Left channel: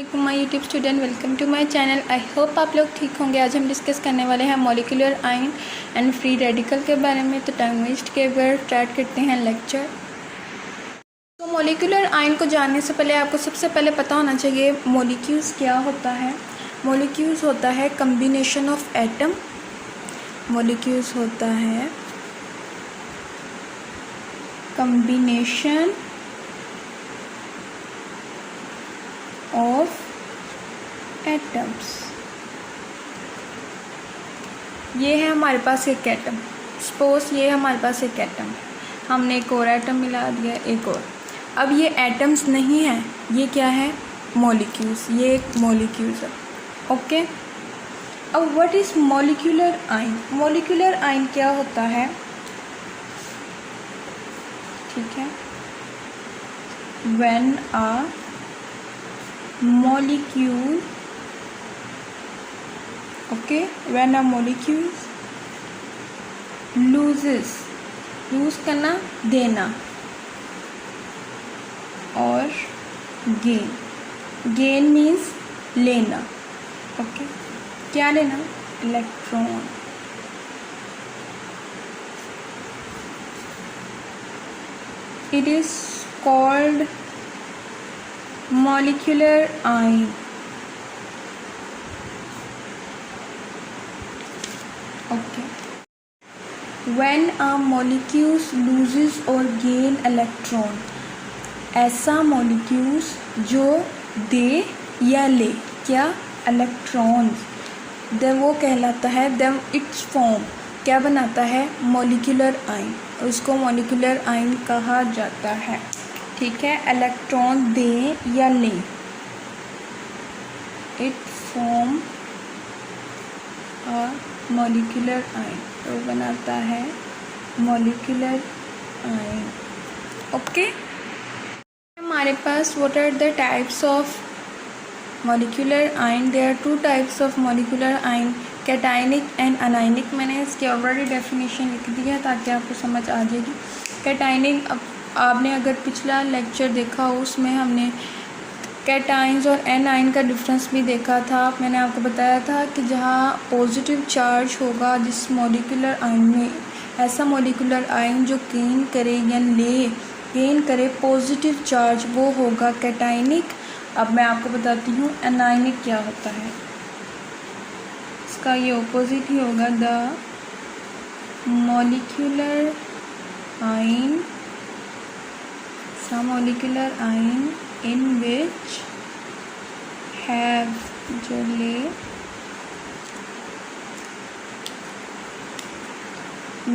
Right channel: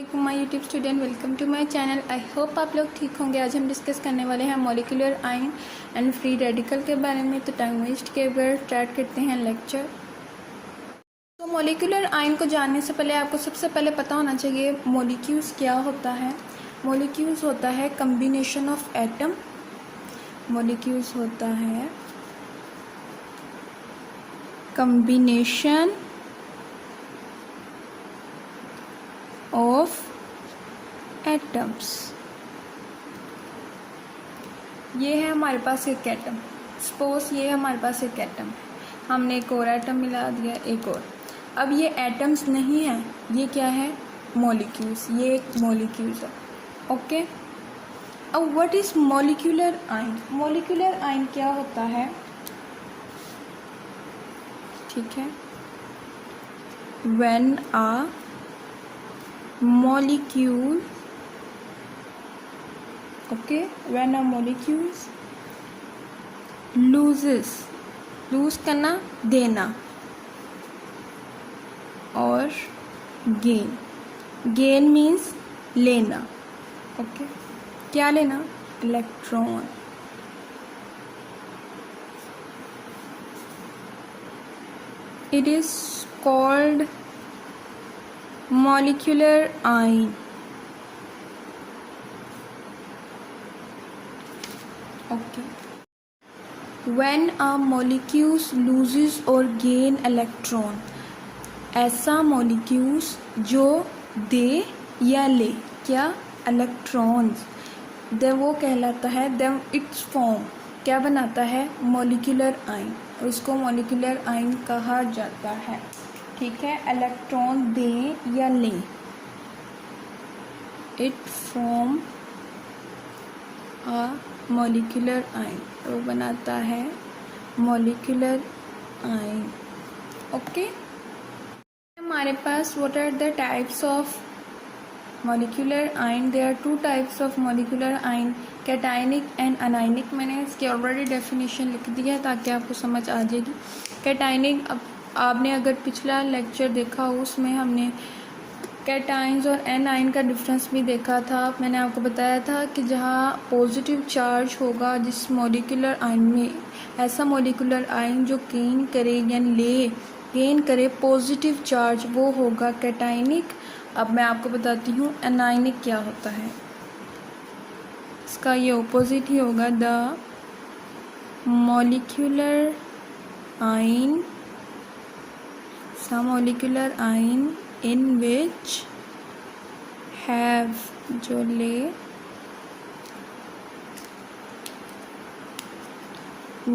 My YouTube student, welcome to my channel. I hope आप लोग ठीक होंगे। आज हम डिस्कस करने वाले हैं molecular ion and free radical के बारे में। तो टाइम वेस्ट के बगैर स्टार्ट करते हैं लेक्चर। तो मॉलिक्यूलर आयन को जानने से पहले आपको सबसे पहले पता होना चाहिए मॉलिक्यूल्स क्या होता है। मॉलिक्यूल्स होता है कम्बिनेशन ऑफ एटम। मॉलिक्यूल्स होता है कम्बिनेशन ऑफ एटम्स। ये है हमारे पास एक एटम। सपोज ये हमारे पास एक एटम है, हमने एक और एटम मिला दिया, एक और। अब ये एटम्स नहीं है, ये क्या है? मॉलिक्यूल्स। ये एक मॉलिक्यूल्स है। ओके। अब what is molecular ion? Molecular ion क्या होता है? ठीक है, when a molecule, okay, when a molecule loses, lose करना, देना, और gain, gain means लेना। ओके, क्या लेना? Electron. it is called molecular ion. Okay. When a molecule loses or gain electron, ऐसा molecules जो दे या ले क्या? इलेक्ट्रॉन्स, then वो कहलाता है, then its form क्या बनाता है? Molecular ion. उसको मॉलिक्यूलर आयन कहा जाता है। ठीक है, इलेक्ट्रॉन दे या ले, it form a molecular ion, तो बनाता है मॉलिक्यूलर आयन। ओके। हमारे पास what are the types of molecular ion? There are two types of molecular ion, cationic and anionic. मैंने इसकी ऑलरेडी डेफिनेशन लिख दी है ताकि आपको समझ आ जाएगी। कैटायनिक, आपने अगर पिछला लेक्चर देखा हो उसमें हमने कैटाइंस और एनाइन का डिफरेंस भी देखा था। मैंने आपको बताया था कि जहाँ पॉजिटिव चार्ज होगा जिस मॉलिक्यूलर आयन में, ऐसा मॉलिक्यूलर आयन जो गेन करे या गेन करे पॉजिटिव चार्ज, वो होगा कैटाइनिक। अब मैं आपको बताती हूँ एनाइनिक क्या होता है। इसका ये ऑपोजिट ही होगा, the molecular ion, some molecular ion in which have, जो ले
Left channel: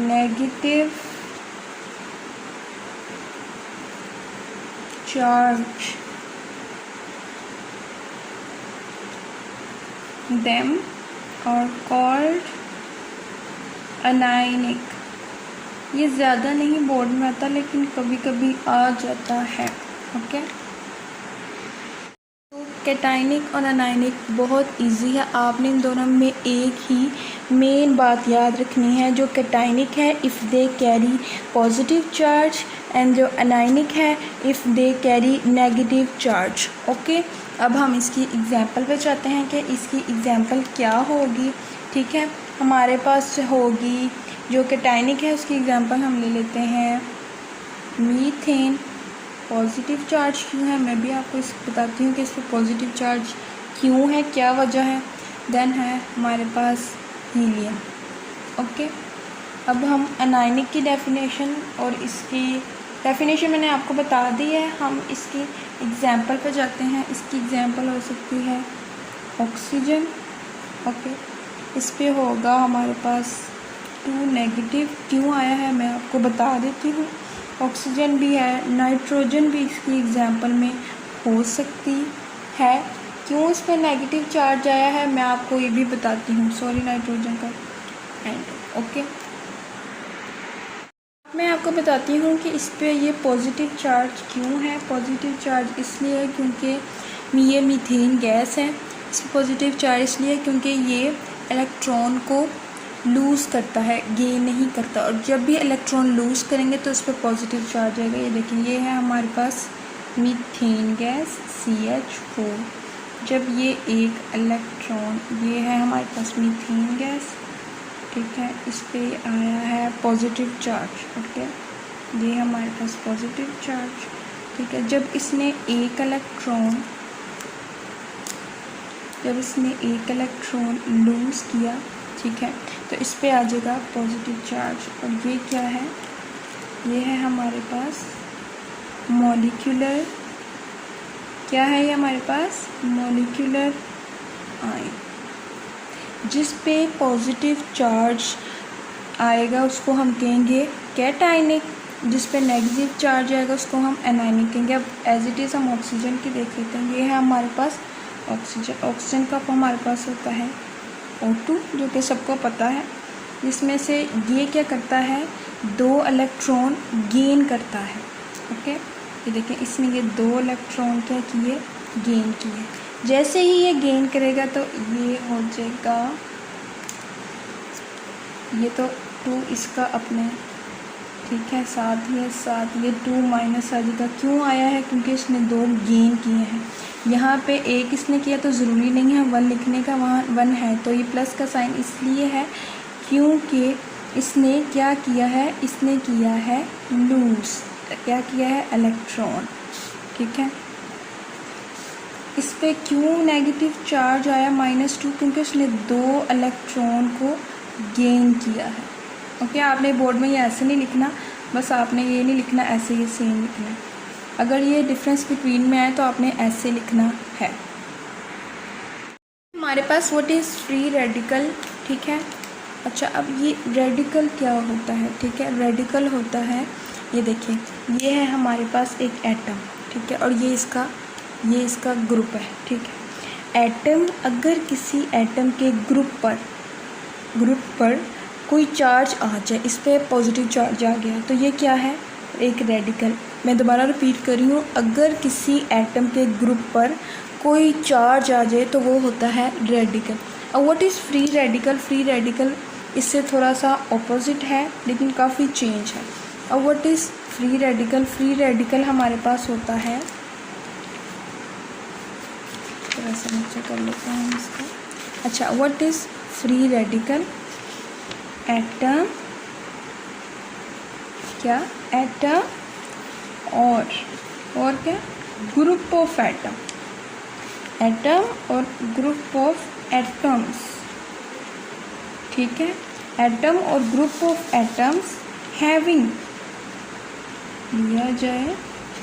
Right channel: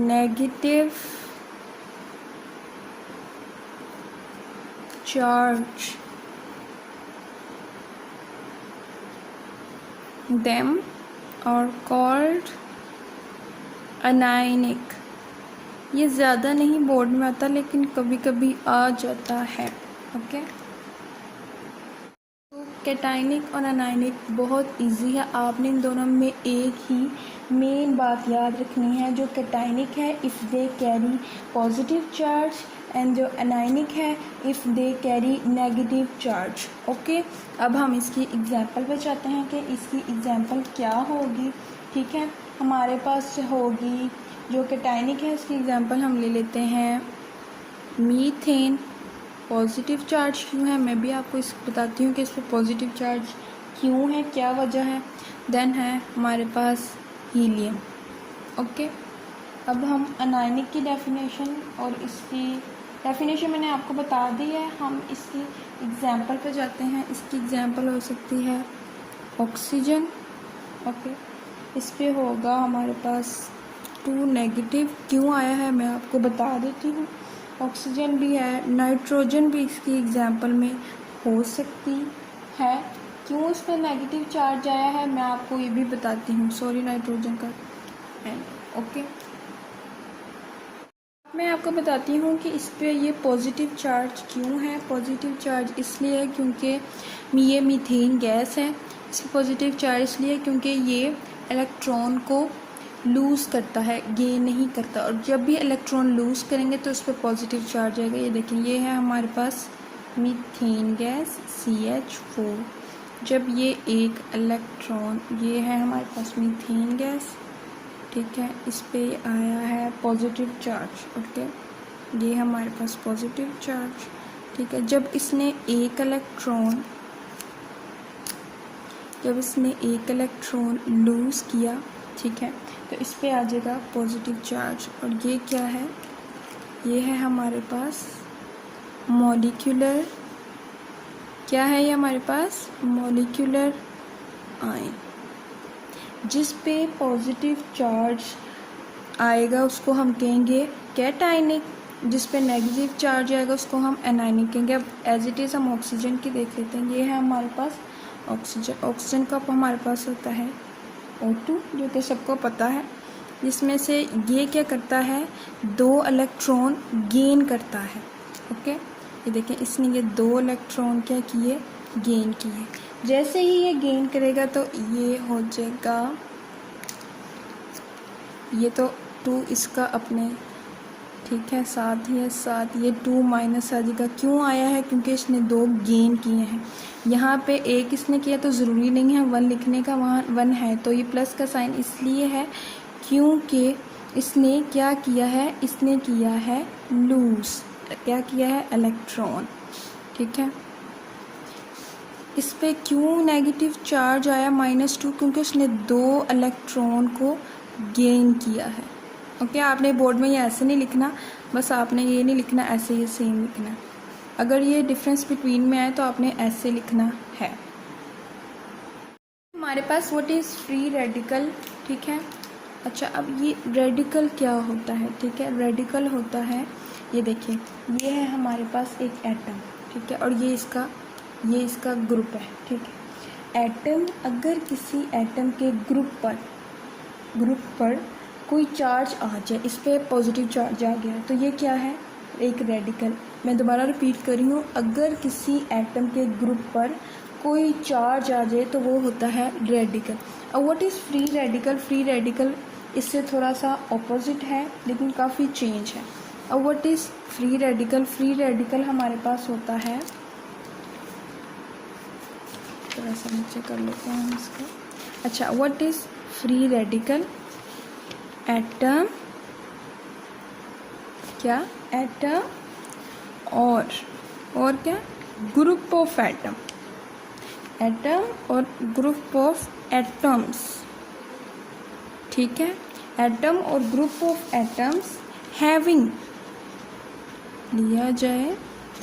negative charge, them are called anionic। ये ज़्यादा नहीं बोर्ड में आता, लेकिन कभी कभी आ जाता है। ओके। तो कैटाइनिक और अनायनिक बहुत इजी है। आपने इन दोनों में एक ही मेन बात याद रखनी है। जो कैटाइनिक है, if they carry positive charge, and जो अनायनिक है, if they carry negative charge. Okay. अब हम इसकी एग्जांपल पे चाहते हैं कि इसकी एग्जांपल क्या होगी। ठीक है, हमारे पास होगी जो कैटायनिक है, उसकी एग्जांपल हम ले लेते हैं मीथेन। पॉजिटिव चार्ज क्यों है, मैं भी आपको इस बताती हूँ कि इस पर पॉजिटिव चार्ज क्यों है, क्या वजह है। देन है हमारे पास हीलियम। ओके। अब हम अनायनिक की डेफिनेशन, और इसकी डेफिनेशन मैंने आपको बता दी है। हम इसकी एग्जांपल पे जाते हैं। इसकी एग्जांपल हो सकती है ऑक्सीजन। ओके। इस पे होगा हमारे पास 2 नेगेटिव। क्यों आया है मैं आपको बता देती हूँ। ऑक्सीजन भी है, नाइट्रोजन भी इसकी एग्जांपल में हो सकती है। क्यों इस पर नेगेटिव चार्ज आया है मैं आपको ये भी बताती हूँ। सॉरी, नाइट्रोजन का एंड। ओके। मैं आपको बताती हूँ कि इस पे ये पॉजिटिव चार्ज क्यों है। पॉजिटिव चार्ज इसलिए है क्योंकि ये मीथेन गैस है। इस पर पॉजिटिव चार्ज इसलिए क्योंकि ये इलेक्ट्रॉन को लूज़ करता है, गेन नहीं करता। और जब भी इलेक्ट्रॉन लूज़ करेंगे तो उस पर पॉजिटिव चार्ज आएगा। ये देखिए, ये है हमारे पास मीथेन गैस CH4। जब ये एक इलेक्ट्रॉन, ये है हमारे पास मीथेन गैस, ठीक है, इस पे आया है पॉजिटिव चार्ज, ओके, ये हमारे पास पॉजिटिव चार्ज, ठीक है। जब इसने एक इलेक्ट्रॉन लूज़ किया, ठीक है, तो इस पे आ जाएगा पॉजिटिव चार्ज। और ये क्या है, ये है हमारे पास मॉलिक्यूलर, क्या है ये हमारे पास मॉलिक्यूलर आयन। जिस पे पॉजिटिव चार्ज आएगा उसको हम कहेंगे कैटायनिक, जिस पे नेगेटिव चार्ज आएगा उसको हम एनायनिक कहेंगे। अब एज इट इज़ हम ऑक्सीजन की देख लेते हैं। ये है हमारे पास ऑक्सीजन का हमारे पास होता है O2, जो कि सबको पता है, जिसमें से ये क्या करता है, 2 इलेक्ट्रॉन गेन करता है, ओके। ये देखें, इसने ये 2 इलेक्ट्रॉन क्या किए, गेन किए। जैसे ही ये गेन करेगा तो ये हो जाएगा, ये तो 2 इसका अपने, ठीक है, साथ ये 2 माइनस आ जाएगा। क्यों आया है, क्योंकि इसने 2 गेन किए हैं। यहाँ पे एक इसने किया तो ज़रूरी नहीं है 1 लिखने का, वहाँ 1 है, तो ये प्लस का साइन इसलिए है क्योंकि इसने क्या किया है, इसने किया है लूज़, क्या किया है, इलेक्ट्रॉन, ठीक है। इस पर क्यों नेगेटिव चार्ज आया -2, क्योंकि इसने 2 इलेक्ट्रॉन को गेन किया है, ओके। आपने बोर्ड में ये ऐसे नहीं लिखना, बस आपने ये नहीं लिखना, ऐसे ही सेम लिखना है। अगर ये डिफरेंस बिटवीन में आए तो आपने ऐसे लिखना है। हमारे पास व्हाट इज़ फ्री रेडिकल, ठीक है। अच्छा, अब ये रेडिकल क्या होता है, ठीक है। रेडिकल होता है, ये देखिए, ये है हमारे पास एक एटम, ठीक है, और ये इसका ग्रुप है, ठीक है। एटम, अगर किसी एटम के ग्रुप पर कोई चार्ज आ जाए, इस पर पॉजिटिव चार्ज आ गया, तो ये क्या है, एक रेडिकल। मैं दोबारा रिपीट कर रही हूँ, अगर किसी एटम के ग्रुप पर कोई चार्ज आ जाए तो वो होता है रेडिकल। अब what is free radical, free radical इससे थोड़ा सा ऑपोजिट है, लेकिन काफ़ी चेंज है। अब what is free radical, free radical हमारे पास होता है, थोड़ा सा नीचे कर लेता हूँ इसको। अच्छा, what is free radical, atom, क्या, एटम और क्या, ग्रुप ऑफ एटम, एटम और ग्रुप ऑफ एटम्स, ठीक है। एटम और ग्रुप ऑफ एटम्स हैविंग लिया जाए,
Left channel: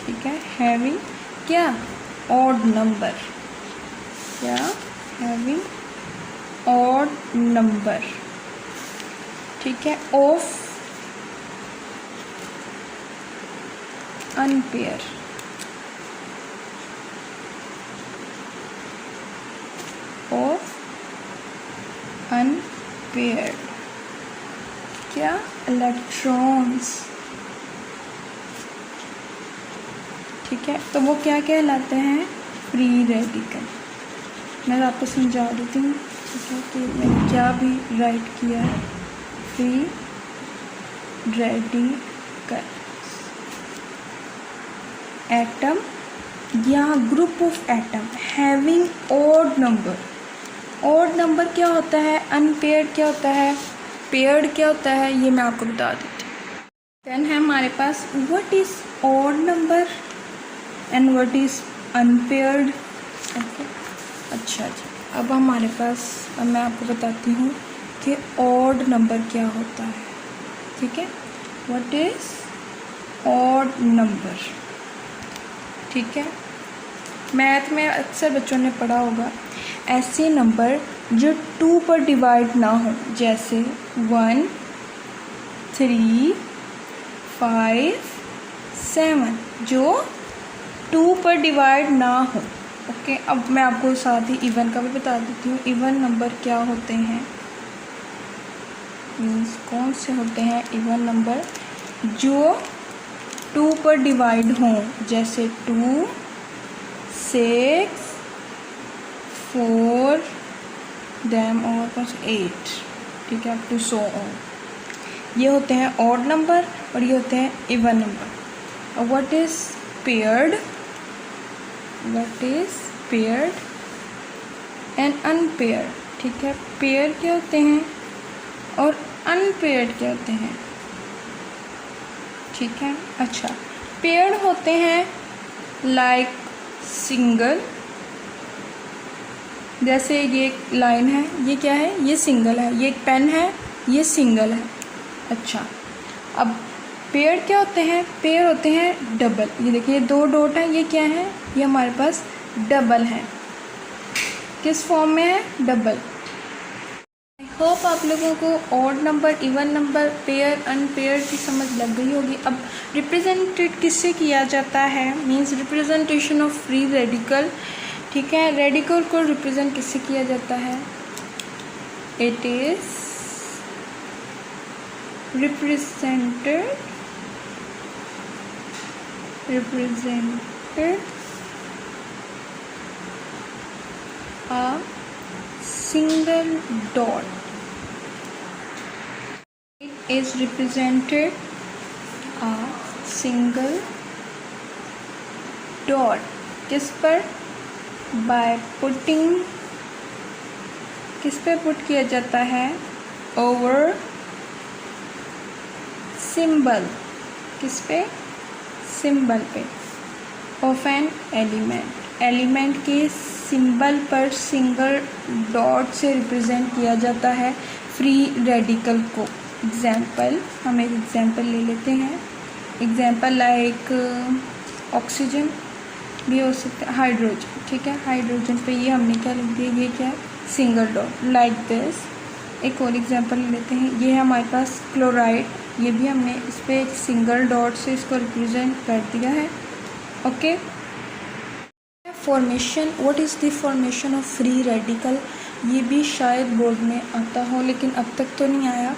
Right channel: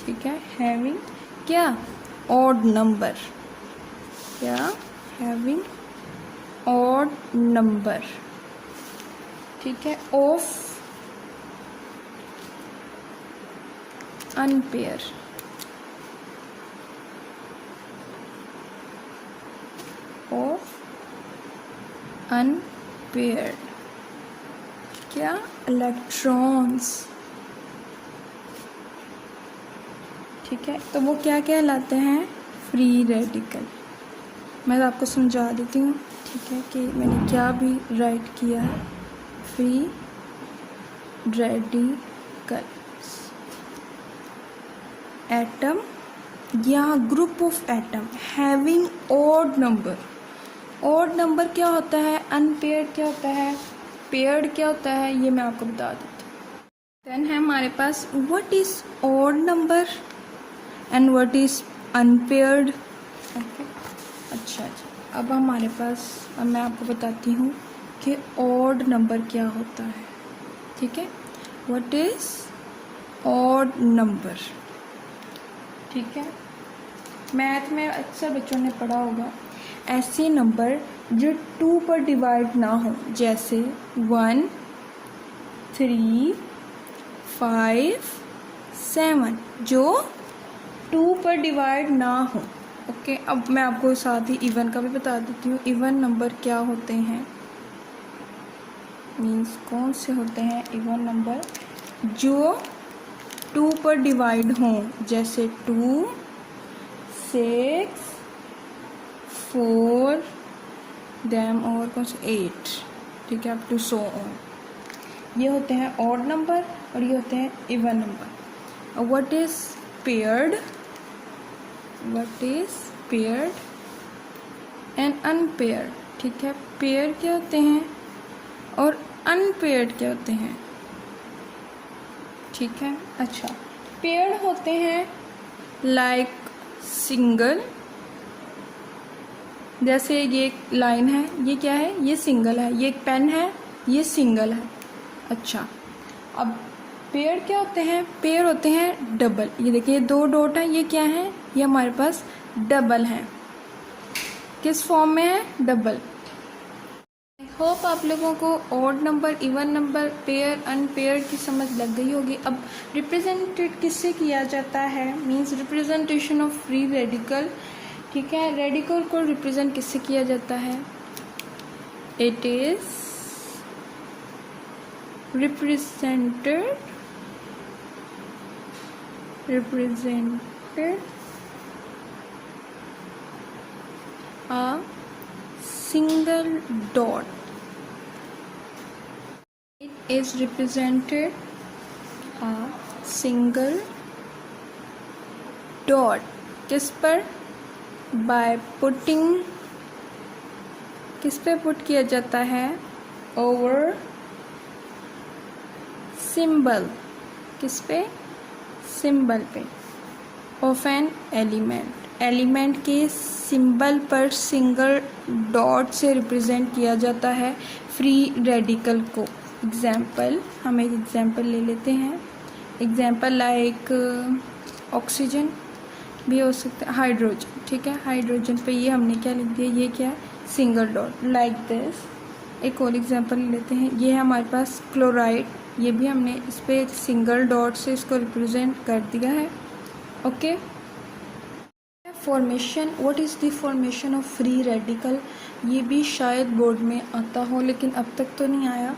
ठीक है, हैविंग क्या, ऑड नंबर, क्या, हैविंग ऑड नंबर, ठीक है, ऑफ अनपेयर, ऑफ अनपेयर्ड, क्या, इलेक्ट्रॉन्स, ठीक है। तो वो क्या कहलाते हैं, फ्री रेडिकल। मैं आपको समझा देती हूँ, ठीक है, कि मैंने क्या भी राइट किया है। फ्री रेडिकल, एटम या group of atom having odd number. Odd number क्या होता है, अनपेयर्ड क्या होता है, पेयर्ड क्या होता है, ये मैं आपको बता देती हूँ। देन है हमारे पास what is odd number and what is unpaired, okay. अच्छा, अब हमारे पास, अब मैं आपको बताती हूँ कि ऑड नंबर क्या होता है, ठीक है। व्हाट इज़ ऑड नंबर, ठीक है। मैथ में अक्सर बच्चों ने पढ़ा होगा, ऐसे नंबर जो 2 पर डिवाइड ना हो, जैसे 1, 3, 5, 7, जो 2 पर डिवाइड ना हो, ओके। अब मैं आपको साथ ही इवन का भी बता देती हूँ। इवन नंबर क्या होते हैं, मीन्स कौन से होते हैं इवन नंबर, जो 2 पर डिवाइड हों, जैसे 2, 6, 4, देन और कुछ 8, ठीक है, अप टू सो ऑन। ये होते हैं ऑड नंबर और ये होते हैं इवन नंबर। और what is paired, what is paired, and unpair. ठीक है, पेयर क्या होते हैं और अनपेयर्ड क्या होते हैं। ठीक है, अच्छा, पेयर्ड होते हैं लाइक सिंगल, जैसे ये एक लाइन है, ये क्या है, ये सिंगल है, ये एक पेन है, ये सिंगल है। अच्छा, अब पेयर क्या होते हैं, पेयर होते हैं डबल। ये देखिए 2 डॉट है, ये क्या है, ये हमारे पास डबल है। किस फॉर्म में है, डबल। आई होप आप लोगों को odd number, even number, pair, unpair की समझ लग गई होगी। अब रिप्रेजेंटेड किससे किया जाता है, means representation of free radical. ठीक है, रेडिकल को रिप्रेजेंट किससे किया जाता है, it is represented a single dot. It is represented a single dot. किस पर, by putting, किस पे पुट किया जाता है, over सिंबल, किस पे, सिंबल पे, ऑफ एन एलिमेंट, एलिमेंट के सिंबल पर सिंगल डॉट से रिप्रेजेंट किया जाता है फ्री रेडिकल को। एग्जाम्पल, हम एक एग्जाम्पल ले लेते हैं। एग्जाम्पल लाइक ऑक्सीजन भी हो सकता है, हाइड्रोजन। ठीक है, हाइड्रोजन पे ये हमने क्या लिख दिया, ये क्या है, सिंगल डॉट, लाइक दिस। एक और एग्जाम्पल ले लेते हैं, ये है हमारे पास क्लोराइड, ये भी हमने इस पर एक सिंगल डॉट से इसको रिप्रेजेंट कर दिया है। Okay, formation, what is the formation of free radical, ये भी शायद बोर्ड में आता हो, लेकिन अब तक तो नहीं आया,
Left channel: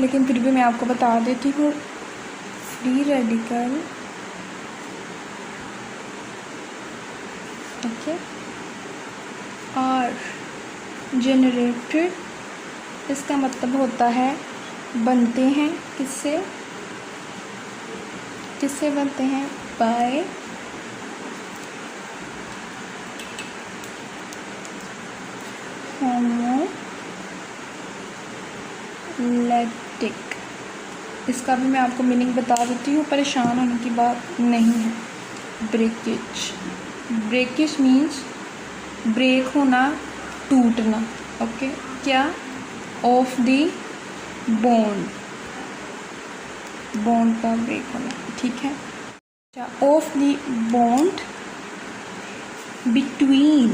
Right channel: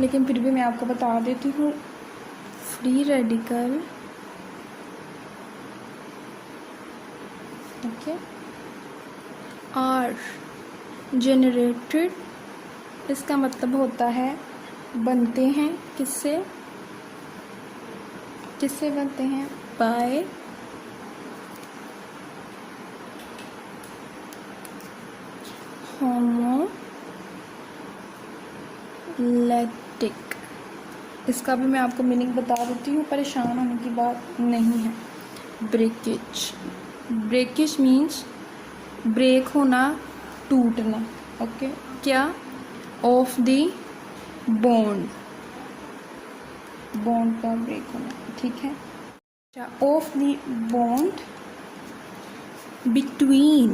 लेकिन फिर भी मैं आपको बता देती हूँ। Free radical, okay, are generated, इसका मतलब होता है बनते हैं किससे, किससे बनते हैं, बाय होमोलैक्टिक। इसका भी मैं आपको मीनिंग बता देती हूँ, परेशान होने की बात नहीं है। ब्रेकेज, ब्रेकेज मीन्स ब्रेक होना, टूटना। ओके, क्या, ऑफ द बॉन्ड, बॉन्ड का ब्रेक होना। ठीक है, अच्छा, of the bond between,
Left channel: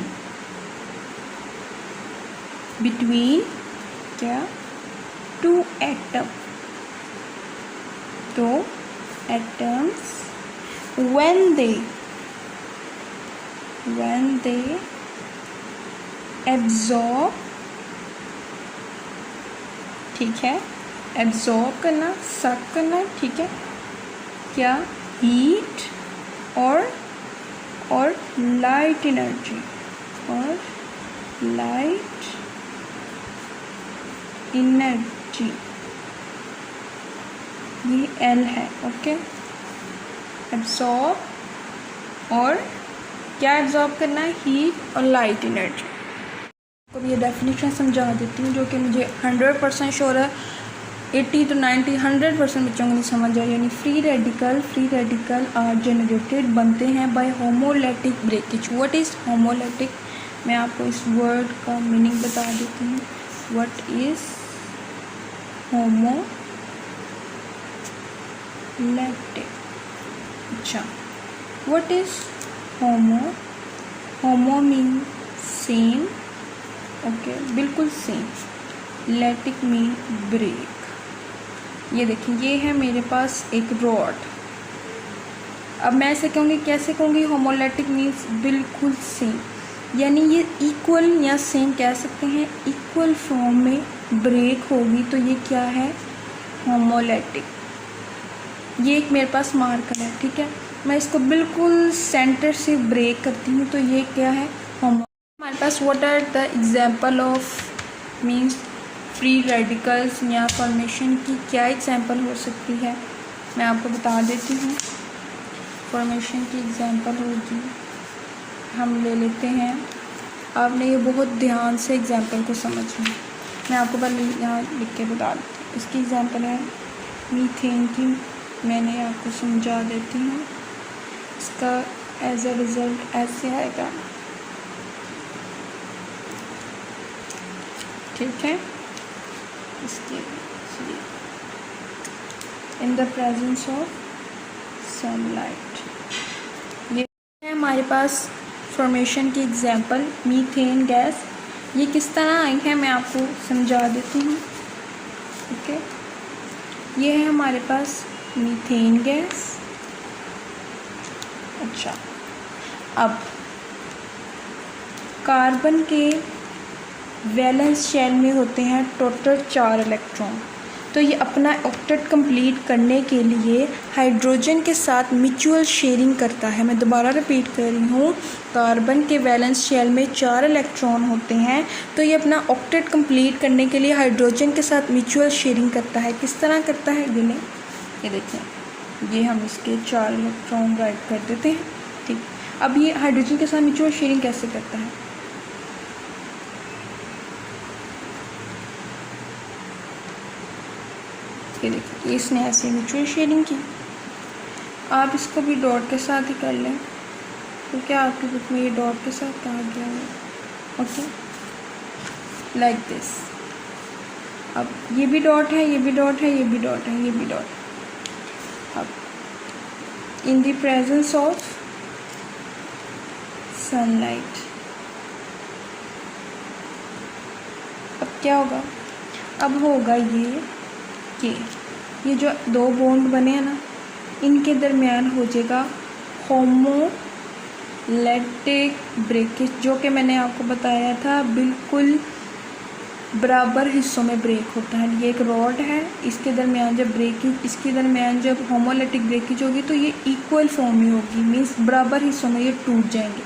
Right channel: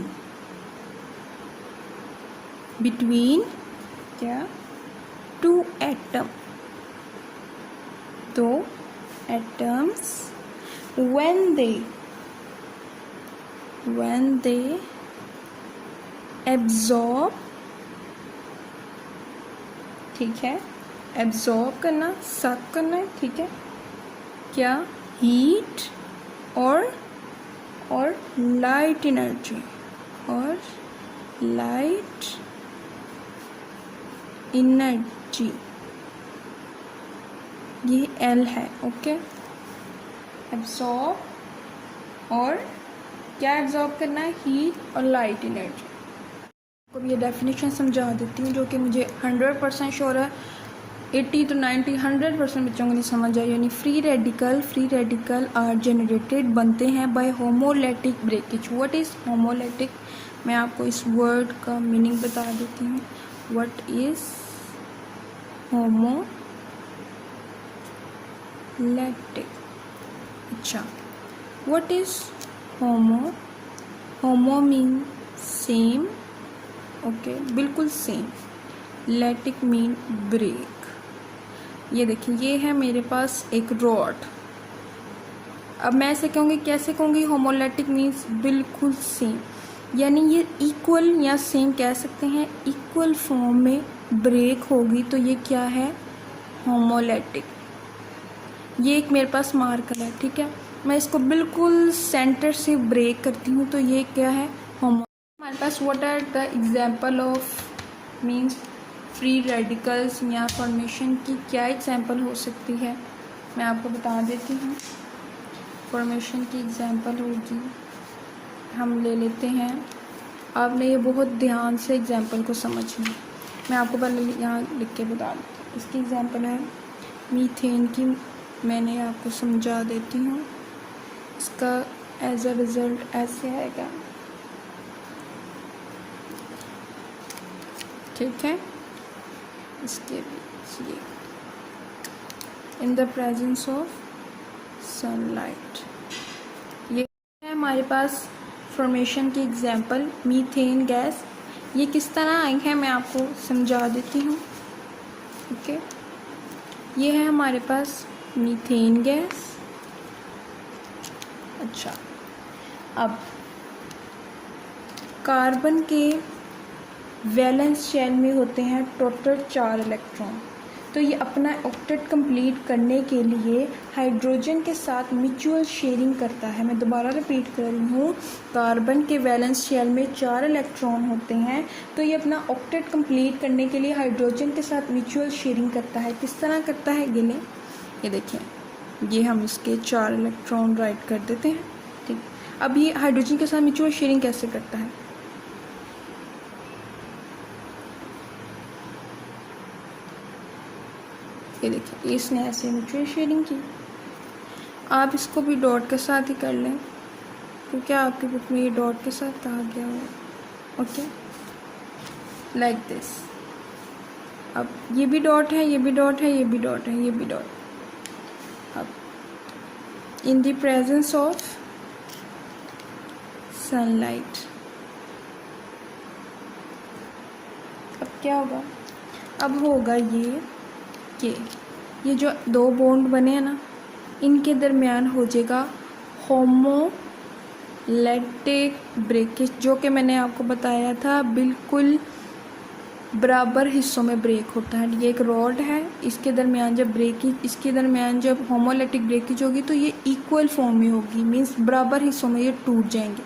between क्या, टू एटम, तो एटम्स when they absorb, ठीक है, एब्जॉर्ब करना, सक करना। ठीक है, क्या, हीट और लाइट एनर्जी, और लाइट एनर्जी, ये एल है। ओके, एब्जॉर्ब और क्या एब्जॉर्ब करना है, हीट और लाइट एनर्जी। अब ये डेफिनेशन समझा देती हूँ, जो कि मुझे 100% श्योर है 80 to 90 100% बच्चों को नहीं समझ आए। यानी फ्री रेडिकल आर जनरेटेड, बनते हैं बाय होमोलैटिक ब्रेकेज। व्हाट इज़ होमोलैटिक, मैं आपको इस वर्ड का मीनिंग बता देती हूँ। व्हाट इज़ होमोलैटिक, अच्छा, what is homo, homo mean same, okay, बिल्कुल सेम, लैटिक मीन ब्रेक। ये देखिए, ये है मेरे पास एक रॉड। अब मैं ऐसे कहूँगी, कैसे कहूँगी, होमोलैटिक मीन्स बिल्कुल सेम, यानी ये इक्वल या सेम कह सकते हैं, इक्वल फॉर्म में ब्रेक होगी तो ये क्या है, होमोलैटिक। ये एक मेरे पास मार्कर है, ठीक है, मैं इसको बिल्कुल सेंटर से ब्रेक करती हूँ तो ये क्या है, होमो। हमारे पास what are the example of means free radicals या फॉर्मेशन की क्या एग्जाम्पल हो सकती है, मैं आपको बता देती हूँ। फॉर्मेशन की एग्जाम्पल होगी, हम ले लेते हैं आपने ये बहुत ध्यान से एग्जाम्पल को समझना। मैं आपको पहले यहाँ लिख के बता देती हूँ। इसकी एग्जाम्पल है मीथेन की, मैंने आपको समझा देती हूँ। इसका एज अ रिज़ल्ट ऐसे आएगा, ठीक है। इसके in the presence of sunlight, ये है हमारे पास फॉर्मेशन की एग्जांपल मीथेन गैस। ये किस तरह आई है मैं आपको समझा देती हूँ, ओके। ये है हमारे पास मीथेन गैस। अच्छा, अब कार्बन के वैलेंस शेल में होते हैं टोटल 4 इलेक्ट्रॉन। तो ये अपना ऑक्टेट कंप्लीट करने के लिए हाइड्रोजन के साथ म्यूचुअल शेयरिंग करता है। मैं दोबारा रिपीट कर रही हूँ, कार्बन के वैलेंस शेल में 4 इलेक्ट्रॉन होते हैं। तो ये अपना ऑक्टेट कंप्लीट करने के लिए हाइड्रोजन के साथ म्यूचुअल शेयरिंग करता है। किस तरह करता है गिने, ये देखिए, ये हम इसके 4 इलेक्ट्रॉन राइट कर देते हैं, ठीक। अब ये हाइड्रोजन के साथ म्यूचुअल शेयरिंग कैसे करता है, ये देखिए, इसने ऐसे म्यूचुअल शेयरिंग की। आप इसको भी डॉट के साथ ही कर लें, क्योंकि आपके बुक में ये डॉट के साथ कहा गया है, ओके, लाइक दिस। अब ये भी डॉट है, ये भी डॉट है, ये भी डॉट है, ये भी डॉट। अब in the presence of sunlight, अब क्या होगा, अब होगा ये जो 2 बॉन्ड बने हैं ना, इनके दरमियान हो जाएगा होमोलैटिक ब्रेकेज, जो कि मैंने आपको बताया था बिल्कुल बराबर हिस्सों में ब्रेक होता है। ये एक रॉड है, इसके दरमियान जब ब्रेकिंग, इसके दरमियान जब होमोलैटिक ब्रेकेज होगी तो ये इक्वल फॉर्म में होगी, मीन्स बराबर हिस्सों में ये टूट जाएंगे।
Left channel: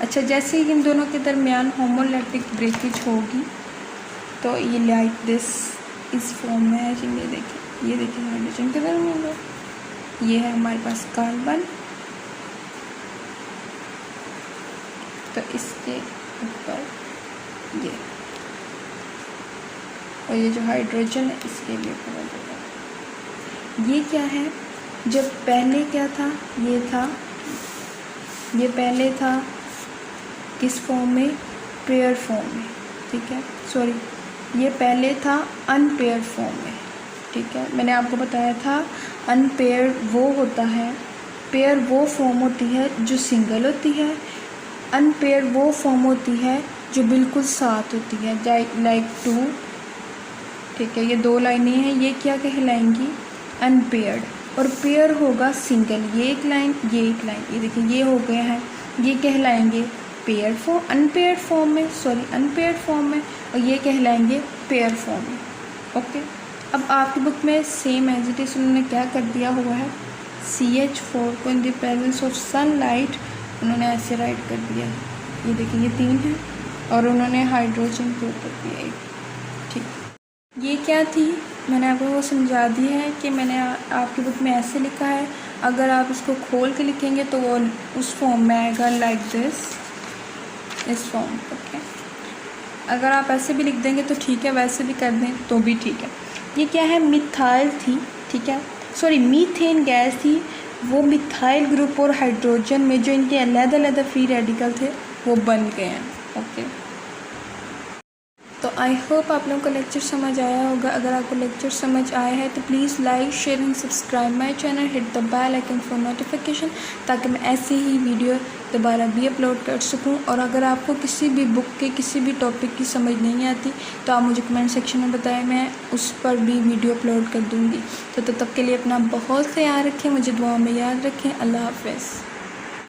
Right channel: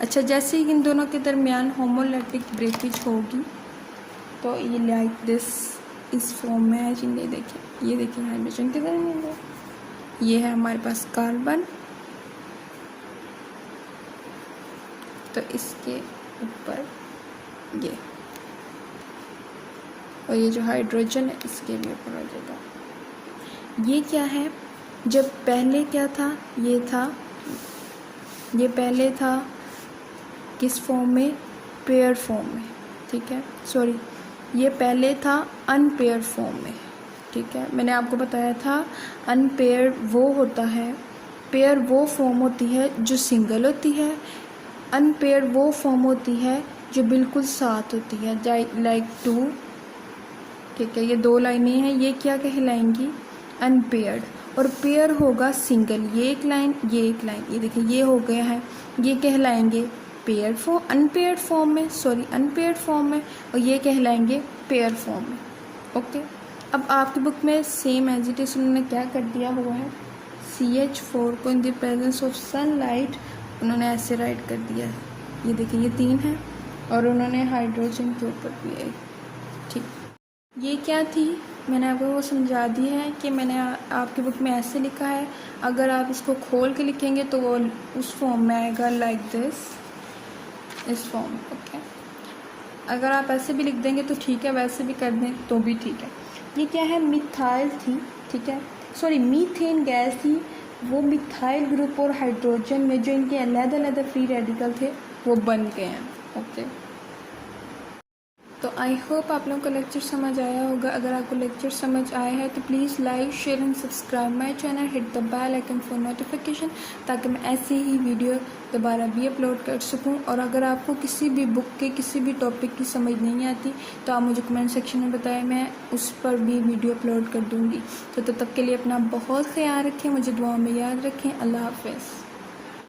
अच्छा, जैसे ही इन दोनों के दरमियान होमोलैटिक ब्रेकेज होगी तो ये लाइक दिस इस फॉर्म में है। ये देखिए हाइड्रोजन के दरमियान है, ये है हमारे पास कार्बन, तो इसके ऊपर ये, और ये जो हाइड्रोजन है इसके भी ऊपर होगा। ये क्या है, जब पहले क्या था, ये पहले था किस फॉर्म में, पेयर फॉर्म में, ठीक है, सॉरी, ये पहले था अनपेयर्ड फॉर्म में, ठीक है। मैंने आपको बताया था अनपेयर्ड वो होता है, पेयर वो फॉर्म होती है जो सिंगल होती है, अनपेयर्ड वो फॉर्म होती है जो बिल्कुल साथ होती है, लाइक 2, ठीक है। ये 2 लाइनें हैं, ये क्या कहलाएंगी, अनपेयर्ड, और पेयर होगा सिंगल, ये एक लाइन, ये एक लाइन, ये देखिए ये हो गया है, ये कहलाएंगे पेयर फॉर्म, अनपेयर्ड फॉर्म में, सॉरी अनपेयर्ड फॉर्म में, और ये कहलाएंगे पेयर फॉर्म में, ओके। अब आपकी बुक में सेम एज इट इज उन्होंने क्या कर दिया हुआ है, CH4 को in the presence of sunlight उन्होंने ऐसे राइट कर दिया है, ये देखिए ये 3 है, और उन्होंने हाइड्रोजन के ऊपर दिया एक, ठीक। ये क्या थी, मैंने आपको वो समझा दिया है कि मैंने आपकी बुक में ऐसे लिखा है, अगर आप इसको खोल के लिखेंगे तो वो उस फॉर्म में आएगा, लाइक दिस, इस फॉर्म, ओके। अगर आप ऐसे भी लिख देंगे तो ठीक है, वैसे भी कर दें तो भी ठीक है। ये क्या है, मिथाइल थी, ठीक है, सॉरी मीथेन गैस थी, वो मिथाइल ग्रुप और हाइड्रोजन में जो इनके अलग-अलग फ्री रेडिकल थे वो बन गए हैं, ओके। तो आई होप आप लोगों को लेक्चर समझ आया होगा। अगर आपको लेक्चर समझ आया है तो please like, share and subscribe my channel, hit the bell icon for notification, ताकि मैं ऐसी ही वीडियो दोबारा भी अपलोड कर सकूं। और अगर आपको किसी भी बुक के किसी भी टॉपिक की समझ नहीं आती तो आप मुझे कमेंट सेक्शन में बताएं, मैं उस पर भी वीडियो अपलोड कर दूँगी। तो तब तक के लिए अपना बहुत ख्याल रखें, मुझे दुआ में याद रखें। अल्लाह हाफ़िज़।